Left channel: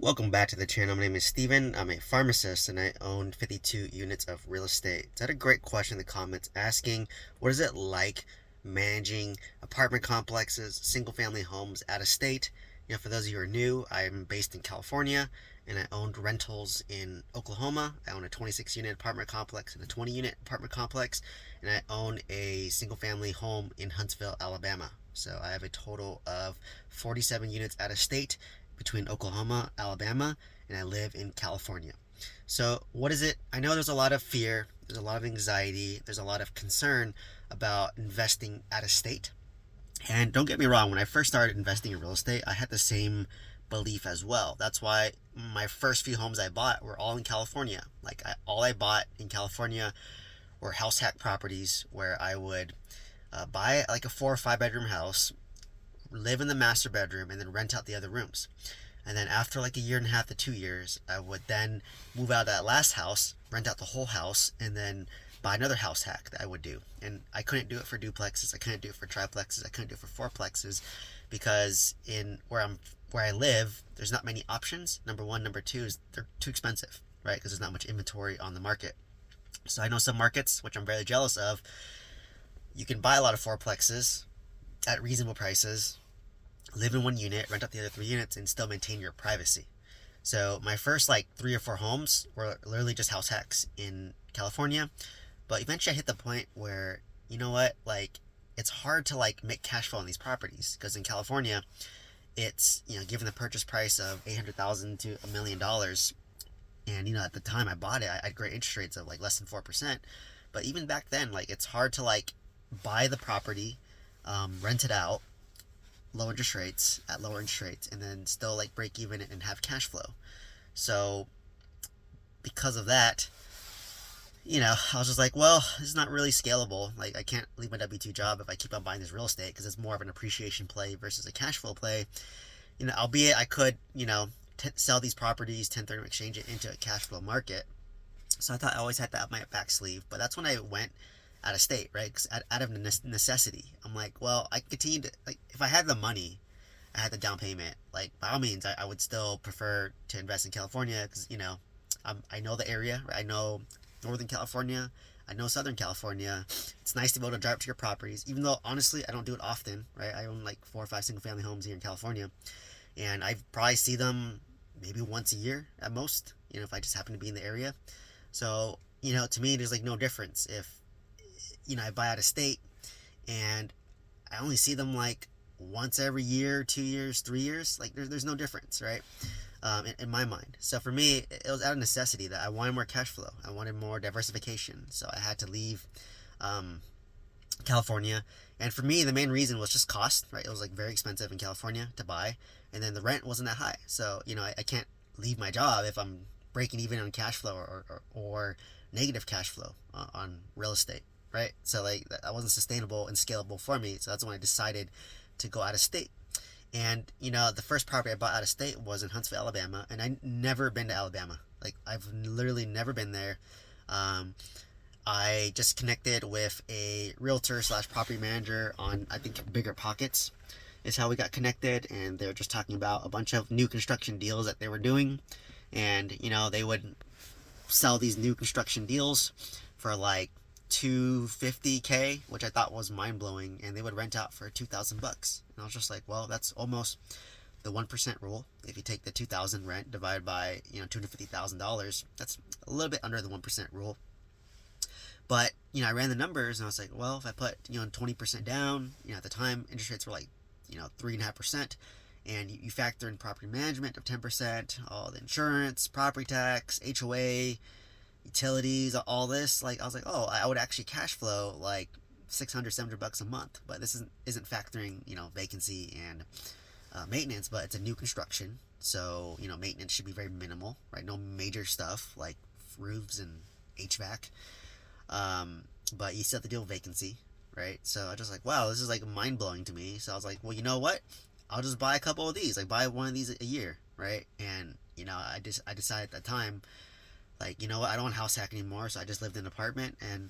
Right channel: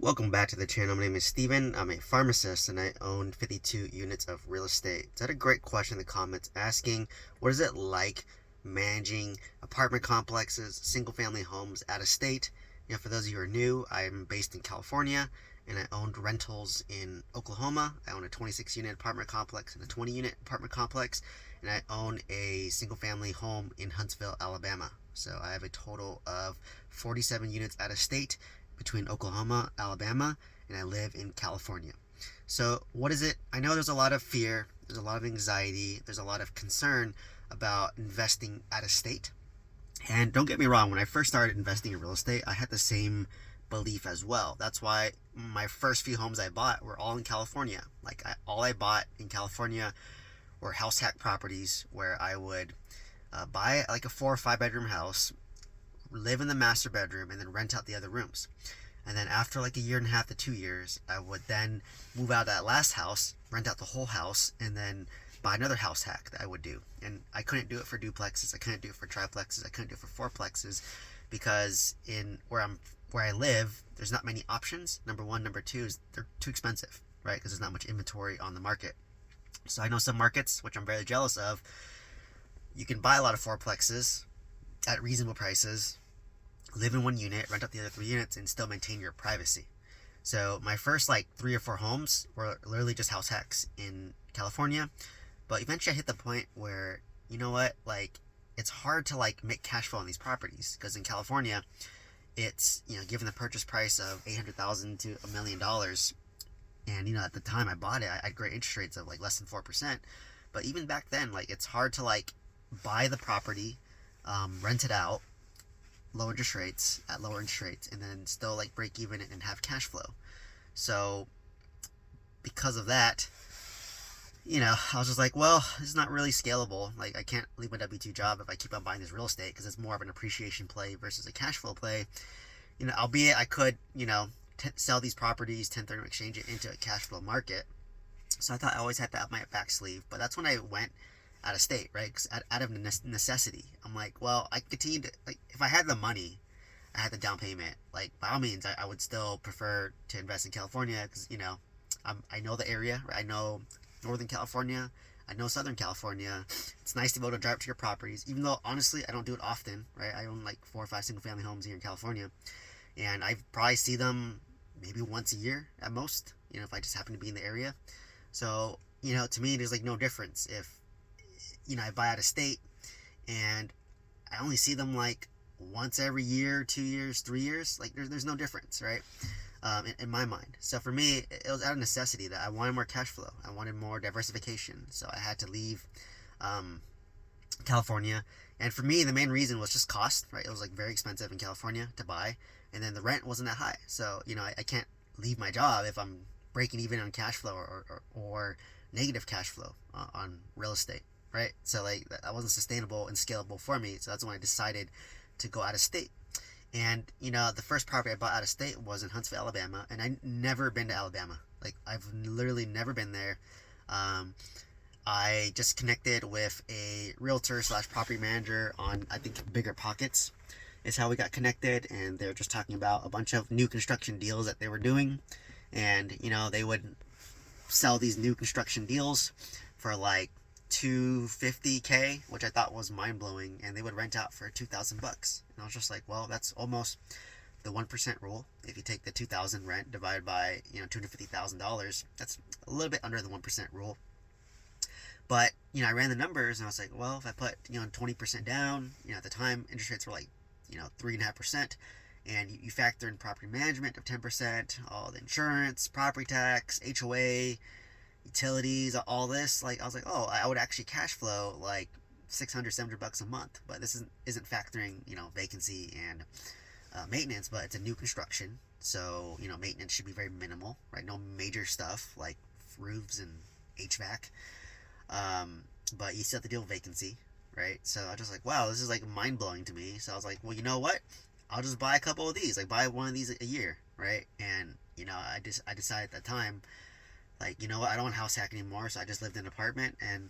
Welcome back to the channel. My name is Steven. I'm a pharmacist and I own 52 units of real estate. So I had a great question in the comments asking, what is it like managing apartment complexes, single family homes out of state? For those of you who are new, I'm based in California and I owned rentals in Oklahoma. I own a 26 unit apartment complex and a 20 unit apartment complex, and I own a single family home in Huntsville, Alabama. So I have a total of 47 units out of state between Oklahoma, Alabama, and I live in California. So, what is it? I know there's a lot of fear, there's a lot of anxiety, there's a lot of concern about investing out of state. And don't get me wrong, when I first started investing in real estate, I had the same belief as well. That's why my first few homes I bought were all in California. All I bought in California were house hack properties where I would buy like a 4 or 5 bedroom house, live in the master bedroom, and then rent out the other rooms. And then after like a year and a half to 2 years, I would then move out of that last house, rent out the whole house, and then buy another house hack that I would do. And I couldn't do it for duplexes, I couldn't do it for triplexes, I couldn't do it for fourplexes, because in where I live, there's not many options. Number one, number two is they're too expensive, right? Because there's not much inventory on the market. So I know some markets, which I'm very jealous of, you can buy a lot of fourplexes at reasonable prices, live in one unit, rent out the other 3 units, and still maintain your privacy. So my first like 3 or 4 homes were literally just house hacks in California. But eventually I hit the point where, you know what, like it's hard to like make cash flow on these properties, because in California, it's, given the purchase price of $800,000 to $1 million, and at the time I bought it, I had great interest rates of like less than 4%. But even back then, like it's hard to like buy the property, rent it out, low interest rates at lower interest rates, and then still like break even and have cash flow. So because of that, I was just like, well, this is not really scalable. Like I can't leave my W2 job if I keep on buying this real estate, because it's more of an appreciation play versus a cash flow play. Albeit I could, sell these properties, 1031 exchange it into a cash flow market. So I thought I always had that up my back sleeve. But that's when I went out of state, right? Because out of necessity, I'm like, well, I continue to, like, if I had the money, I had the down payment, like by all means, I would still prefer to invest in California, because I know the area, right? I know Northern California, I know Southern California. It's nice to be able to drive up to your properties, even though honestly I don't do it often, right? I own like 4 or 5 single family homes here in California, and I probably see them maybe once a year at most, if I just happen to be in the area. So to me there's like no difference if I buy out of state and I only see them like once every year, 2 years, 3 years. Like there's no difference, right? In my mind. So for me, it was out of necessity that I wanted more cash flow. I wanted more diversification. So I had to leave um, California. And for me, the main reason was just cost, right? It was like very expensive in California to buy, and then the rent wasn't that high. So I can't leave my job if I'm breaking even on cash flow, or negative cash flow on real estate, right? So like that wasn't sustainable and scalable for me. So that's when I decided to go out of state. And the first property I bought out of state was in Huntsville, Alabama, and I never been to Alabama. Like I've literally never been there. Um, I just connected with a realtor slash property manager on, I think, Bigger Pockets is how we got connected, and they're just talking about a bunch of new construction deals that they were doing, and they would sell these new construction deals for like 250K, which I thought was mind blowing, and they would rent out for $2,000. And I was just like, well, that's almost the 1% rule. If you take the 2,000 rent divided by $250,000, that's a little bit under the 1% rule. But I ran the numbers and I was like, well, if I put 20% down, at the time interest rates were like 3.5%, and you factor in property management of 10%, all the insurance, property tax, HOA, utilities, all this, like I was like, oh, I would actually cash flow like 600, $700 a month. But this isn't factoring vacancy and maintenance, but it's a new construction, so maintenance should be very minimal, right? No major stuff like roofs and HVAC. But you still have to deal with vacancy, right? So I was just like, wow, this is like mind blowing to me. So I was like, well, you know what? I'll just buy a couple of these, like buy one of these a year, right? And I decided at the time, like, what? I don't want house hack anymore, so I just lived in an apartment, and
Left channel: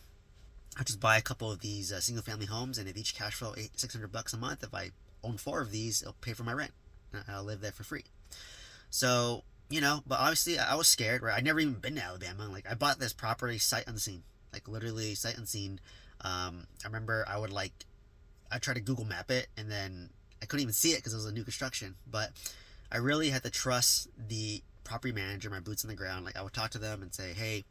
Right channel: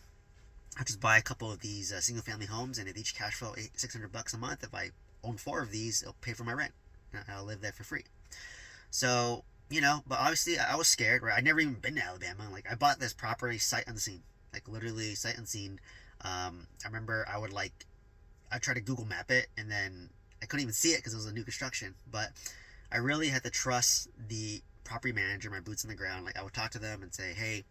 I just buy a couple of these single family homes, and if each cash flow $600 a month, if I own 4 of these, it'll pay for my rent. I'll live there for free. So But obviously I was scared, right? I'd never even been to Alabama. Like I bought this property sight unseen, like literally sight unseen. I remember I tried to Google Map it, and then I couldn't even see it because it was a new construction. But I really had to trust the property manager, my boots on the ground. Like I would talk to them and say, hey,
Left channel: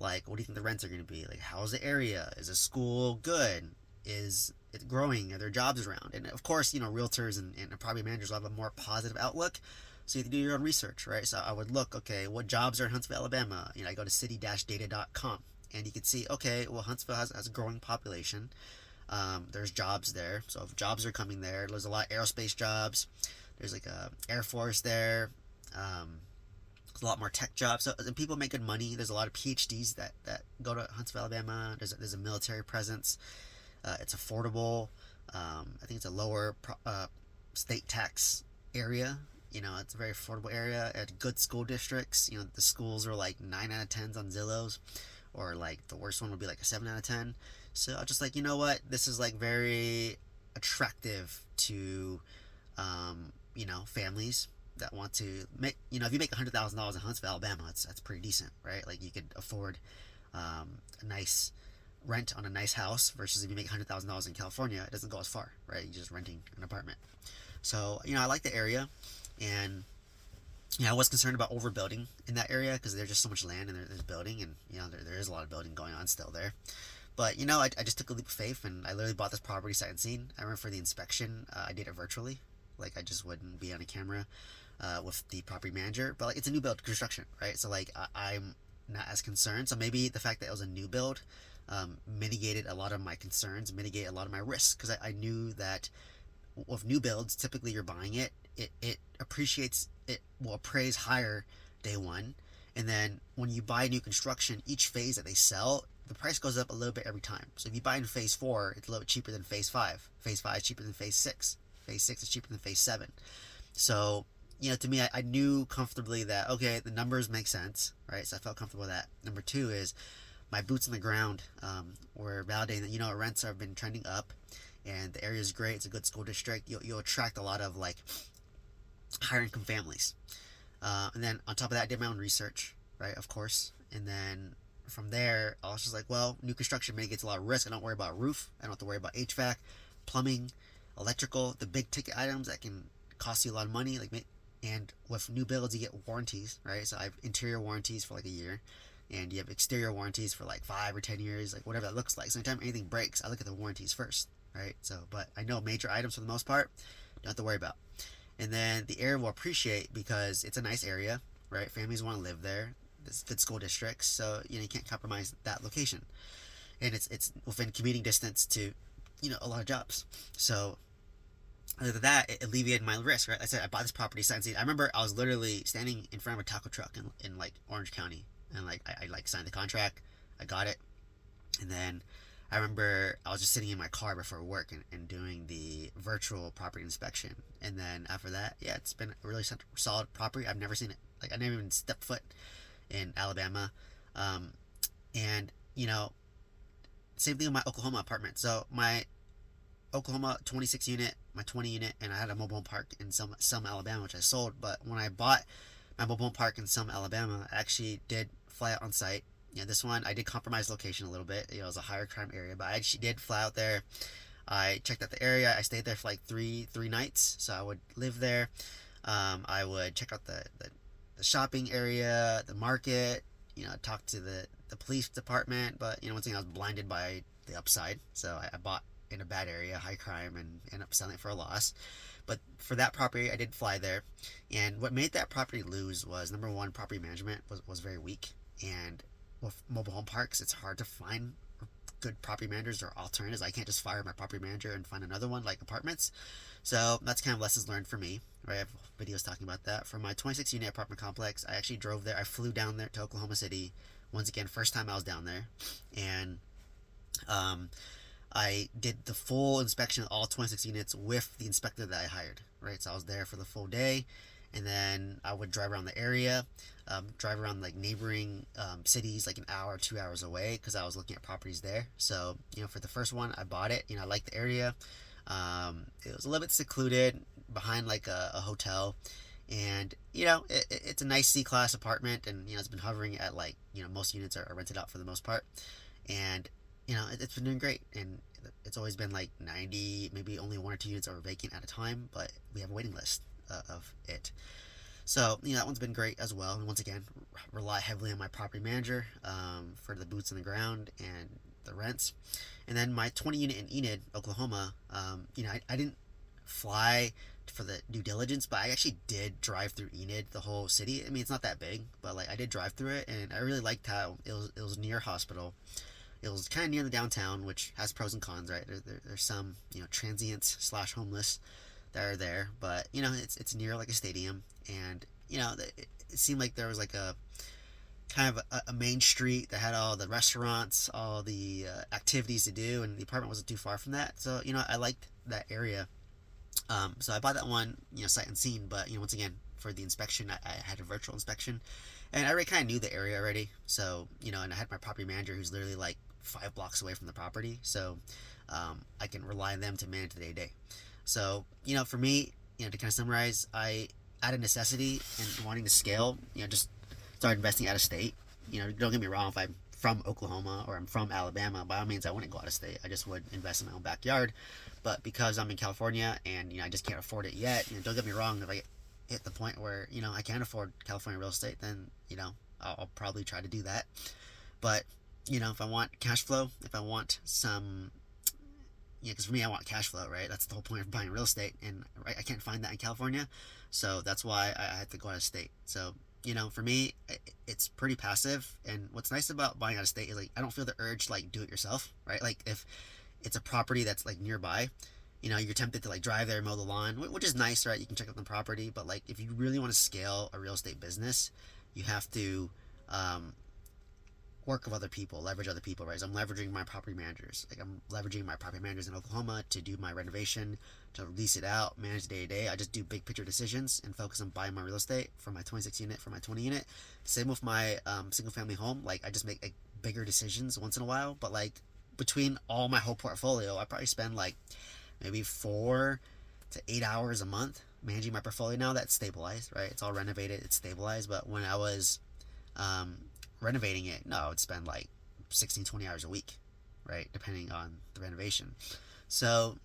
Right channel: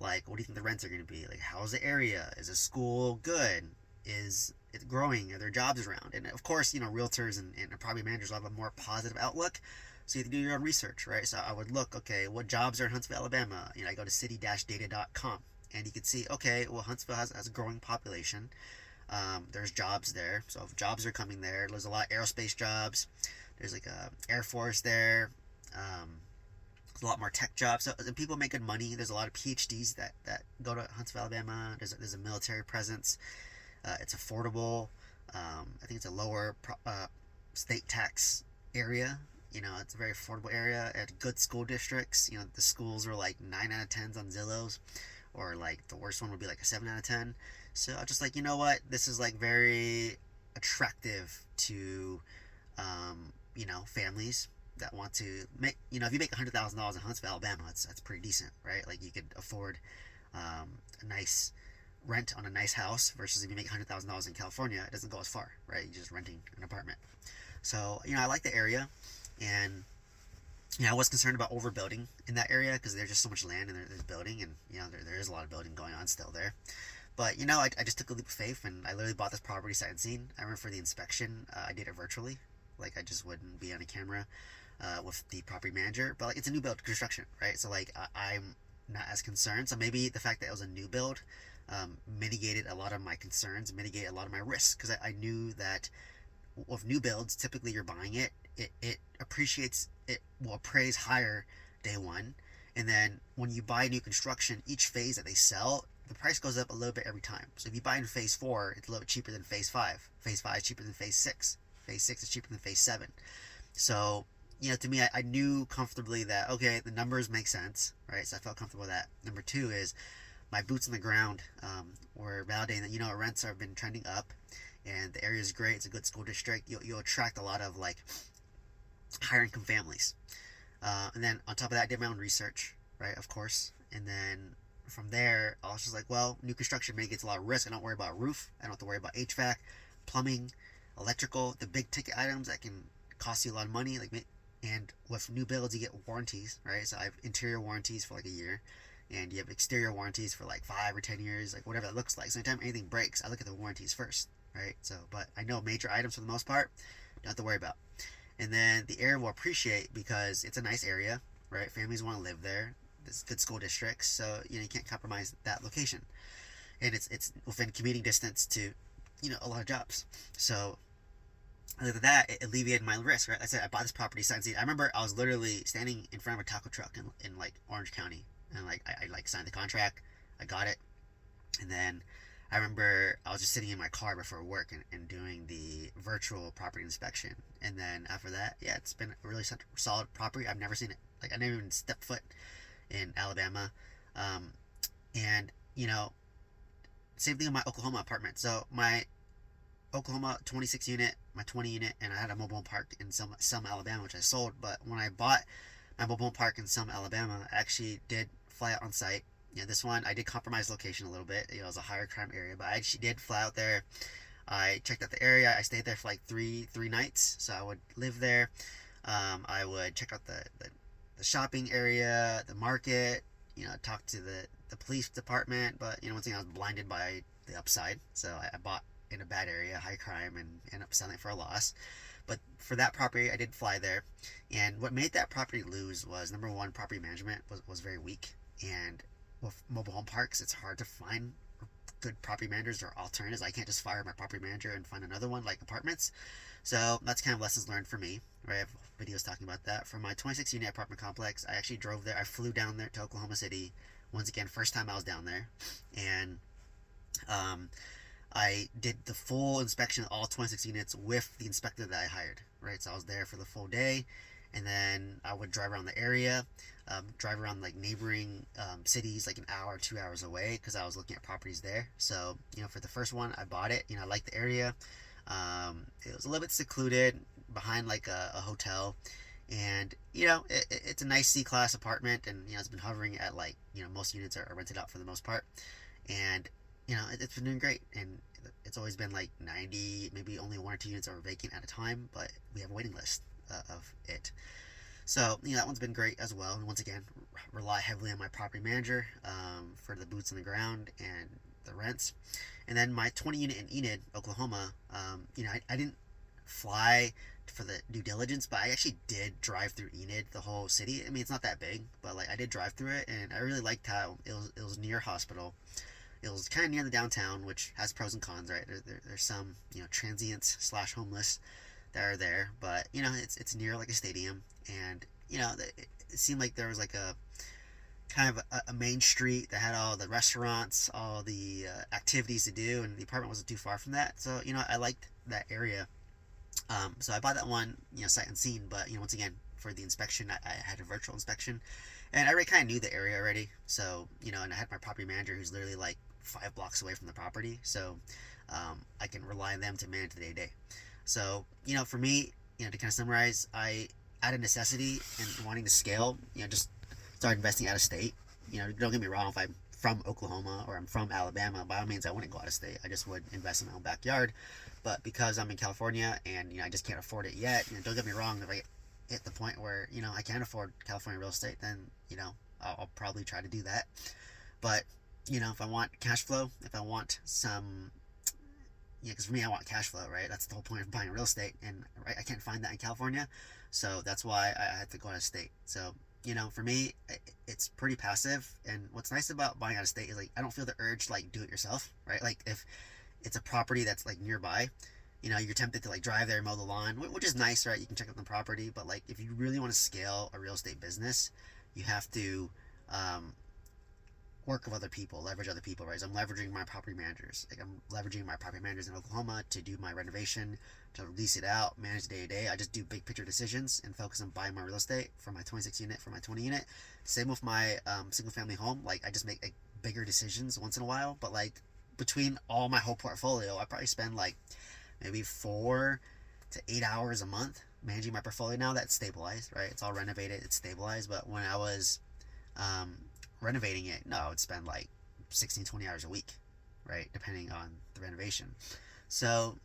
like, what do you think the rents are going to be? Like, how's the area? Is the school good? Is it growing? Are there jobs around? And of course, realtors and property managers will have a more positive outlook. So you have to do your own research, right? So I would look, okay, what jobs are in Huntsville, Alabama? I go to city-data.com, and you can see, okay, well, Huntsville has a growing population. There's jobs there. So if jobs are coming there's a lot of aerospace jobs. There's like a Air Force there. Um, a lot more tech jobs. So and people make good money. There's a lot of PhDs that go to Huntsville, Alabama. There's a military presence. It's affordable. I think it's a lower state tax area. It's a very affordable area at good school districts. The schools are like 9 out of 10s on Zillows, or like the worst one would be like a 7 out of 10. So I just like, what, this is like very attractive to families that want to make, if you make $100,000 in Huntsville, Alabama, that's pretty decent, right? Like you could afford a nice rent on a nice house, versus if you make $100,000 in California, it doesn't go as far, right? You're just renting an apartment. So I like the area, and I was concerned about overbuilding in that area because there's just so much land, and there's building, and there is a lot of building going on still there. But I just took a leap of faith, and I literally bought this property sight unseen. I remember for the inspection, I did it virtually, like I just wouldn't be on a camera with the property manager. But like it's a new build construction, right? So like I'm not as concerned. So maybe the fact that it was a new build mitigated a lot of my concerns, mitigated a lot of my risks, because I knew that with new builds, typically you're buying it appreciates, it will appraise higher day one, and then when you buy new construction, each phase that they sell, the price goes up a little bit every time. So if you buy in phase 4, it's a little bit cheaper than phase 5. Phase 5 is cheaper than phase 6. Phase 6 is cheaper than phase 7. So to me, I knew comfortably that, okay, the numbers make sense, right? So I felt comfortable with that. Number 2 is my boots on the ground were validating that rents have been trending up, and the area is great. It's a good school district. You'll attract a lot of like higher income families. And then on top of that, I did my own research, right? Of course. And then from there, I was just like, well, new construction may get a lot of risk. I don't worry about roof. I don't have to worry about HVAC, plumbing, electrical, the big ticket items that can cost you a lot of money. And with new builds, you get warranties, right? So I have interior warranties for like a year, and you have exterior warranties for like 5 or 10 years, like whatever that looks like. So anytime anything breaks, I look at the warranties first, right? So, but I know major items for the most part, don't have to worry about. And then the area will appreciate because it's a nice area, right? Families want to live there. There's good school districts, so you can't compromise that location, and it's within commuting distance to a lot of jobs. So other than that, it alleviated my risk, right? I said I bought this property signed. I remember I was literally standing in front of a taco truck in like Orange County, and like I like signed the contract, I got it, and then I remember I was just sitting in my car before work and doing the virtual property inspection. And then after that, yeah, it's been a really solid property. I've never seen it. Like, I never even stepped foot in Alabama. And, same thing with my Oklahoma apartment. So my Oklahoma 26 unit, my 20 unit, and I had a mobile home park in Selma, Alabama, which I sold. But when I bought my mobile home park in Selma, Alabama, I actually did fly out on site. This one I did compromise location a little bit. It was a higher crime area, but I actually did fly out there. I checked out the area. I stayed there for like three nights. So I would live there. I would check out the shopping area, the market. Talk to the police department. But one thing, I was blinded by the upside. So I bought in a bad area, high crime, and ended up selling it for a loss. But for that property, I did fly there. And what made that property lose was, number one, property management was very weak. And with mobile home parks, it's hard to find good property managers or alternatives. I can't just fire my property manager and find another one like apartments. So that's kind of lessons learned for me, right? I have videos talking about that. For my 26 unit apartment complex, I actually drove there. I flew down there to Oklahoma City. Once again, first time I was down there. And I did the full inspection of all 26 units with the inspector that I hired, right? So I was there for the full day. And then I would drive around the area, drive around like neighboring cities like an hour, 2 hours away, because I was looking at properties there. So, for the first one, I bought it. I liked the area. It was a little bit secluded behind like a hotel. And it's a nice C-class apartment, and it's been hovering at like most units are rented out for the most part, and it's been doing great. And it's always been like 90, maybe only one or two units are vacant at a time, but we have a waiting list of it. So that one's been great as well. And once again, rely heavily on my property manager for the boots on the ground and the rents. And then my 20 unit in Enid, Oklahoma, I didn't fly for the due diligence, but I actually did drive through Enid, the whole city. I mean, it's not that big, but like I did drive through it, and I really liked how it was near hospital. It was kind of near the downtown, which has pros and cons, right? There's some transients slash homeless that are there, but it's near like a stadium, and it seemed like there was like a kind of a main street that had all the restaurants, all the activities to do, and the apartment wasn't too far from that. So I liked that area. So I bought that one, sight unseen. But once again, for the inspection, I had a virtual inspection, and I already kind of knew the area already. So and I had my property manager who's literally like 5 blocks away from the property, so I can rely on them to manage the day to day. So for me, to kind of summarize, I out of necessity and wanting to scale, just started investing out of state. Don't get me wrong, if I'm from Oklahoma or I'm from Alabama, by all means I wouldn't go out of state. I just would invest in my own backyard. But because I'm in California and I just can't afford it yet, don't get me wrong, if I hit the point where I can't afford California real estate, then I'll probably try to do that. But if I want cash flow, if I want some, because for me I want cash flow, right? That's the whole point of buying real estate, and right, I can't find that in California, so that's why I had to go out of state. So for me, it's pretty passive. And what's nice about buying out of state is like I don't feel the urge to like do it yourself, right? Like if it's a property that's like nearby, you're tempted to like drive there, mow the lawn, which is nice, right? You can check out the property, but like if you really want to scale a real estate business, you have to um, work with other people, leverage other people, right? So I'm leveraging my property managers. Like I'm leveraging my property managers in Oklahoma to do my renovation, to lease it out, manage the day to day. I just do big picture decisions and focus on buying my real estate for my 26 unit, for my 20 unit. Same with my single family home. Like I just make like bigger decisions once in a while, but like between all my whole portfolio, I probably spend like maybe 4 to 8 hours a month managing my portfolio now that's stabilized, right? It's all renovated, it's stabilized. But when I was um, renovating it, no, I would spend like 16, 20 hours a week, right? Depending on the renovation. So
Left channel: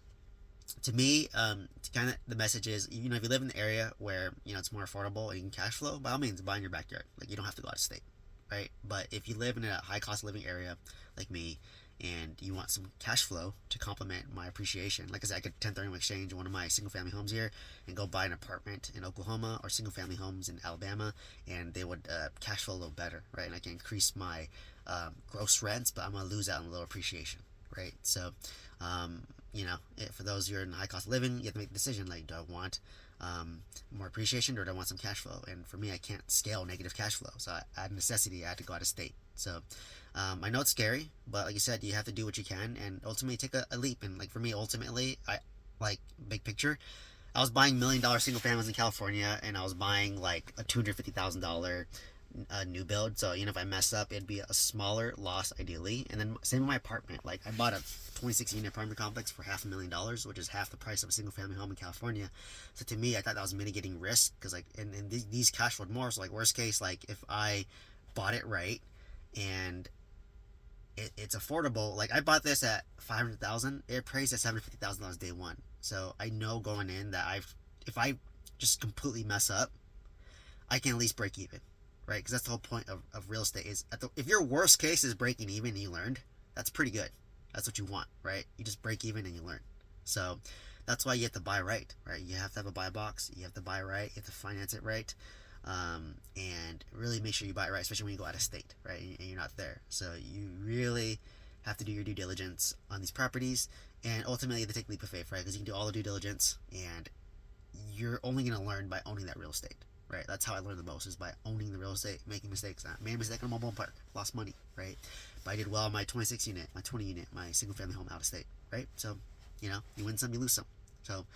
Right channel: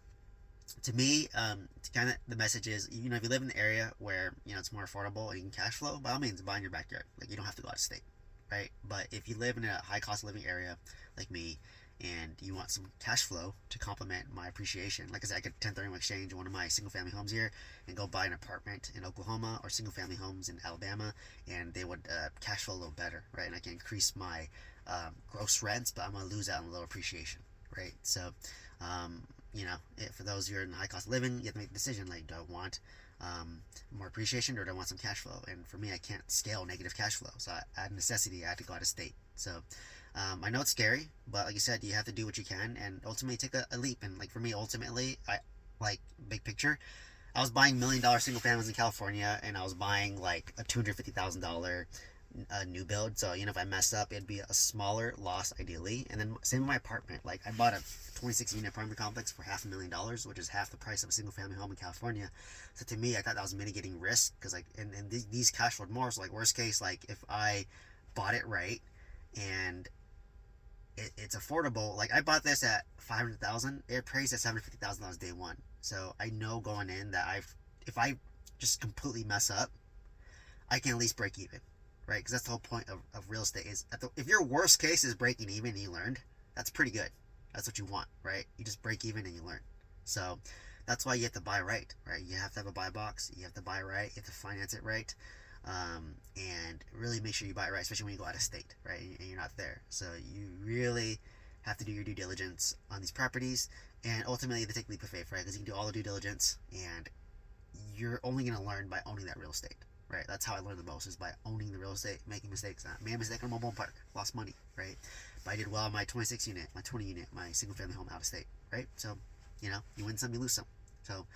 to me, kind of the message is, if you live in an area where, it's more affordable and you can cash flow, by all means, buy in your backyard. Like you don't have to go out of state, right? But if you live in a high cost of living area like me, and you want some cash flow to complement my appreciation, like I said, I could 1031 exchange one of my single family homes here and go buy an apartment in Oklahoma, or single family homes in Alabama, and they would cash flow a little better, right? And I can increase my gross rents, but I'm gonna lose out on a little appreciation, right? So um, for those who are in high cost of living, you have to make a decision, like, do I want more appreciation, or do I want some cash flow? And for me, I can't scale negative cash flow, so out of necessity I had to go out of state. So I know it's scary, but like you said, you have to do what you can and ultimately take a leap. And like for me, ultimately, I like big picture. I was buying $1 million single families in California, and I was buying like a $250,000 new build. So if I mess up, it'd be a smaller loss ideally. And then same with my apartment. Like I bought a 26 unit apartment complex for $500,000, which is half the price of a single family home in California. So to me, I thought that was mitigating risk, because like and these cash flowed more. So like worst case, like if I bought it right and it's affordable. Like I bought this at 500,000. It appraised at $750,000 day one. So I know going in that if I just completely mess up, I can at least break even, right? Because that's the whole point of real estate is if your worst case is breaking even and you learned, that's pretty good. That's what you want, right? You just break even and you learn. So that's why you have to buy right? You have to have a buy box. You have to buy right. You have to finance it right. And really make sure you buy it right, especially when you go out of state, right? And you're not there. So you really have to do your due diligence on these properties, and ultimately you have to take the leap of faith, right? Because you can do all the due diligence, and you're only going to learn by owning that real estate, right? That's how I learned the most, is by owning the real estate, making mistakes. I made a mistake on a mobile park, lost money, right? But I did well on my 26 unit, my 20 unit, my single family home out of state, right? So, you win some, you lose some. So,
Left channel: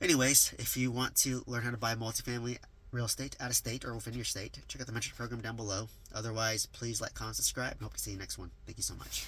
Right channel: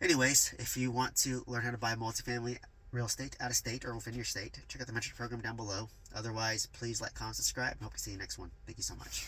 anyways, if you want to learn how to buy multifamily real estate out of state or within your state, check out the mentorship program down below. Otherwise, please like, comment, subscribe, and hope to see you next one. Thank you so much.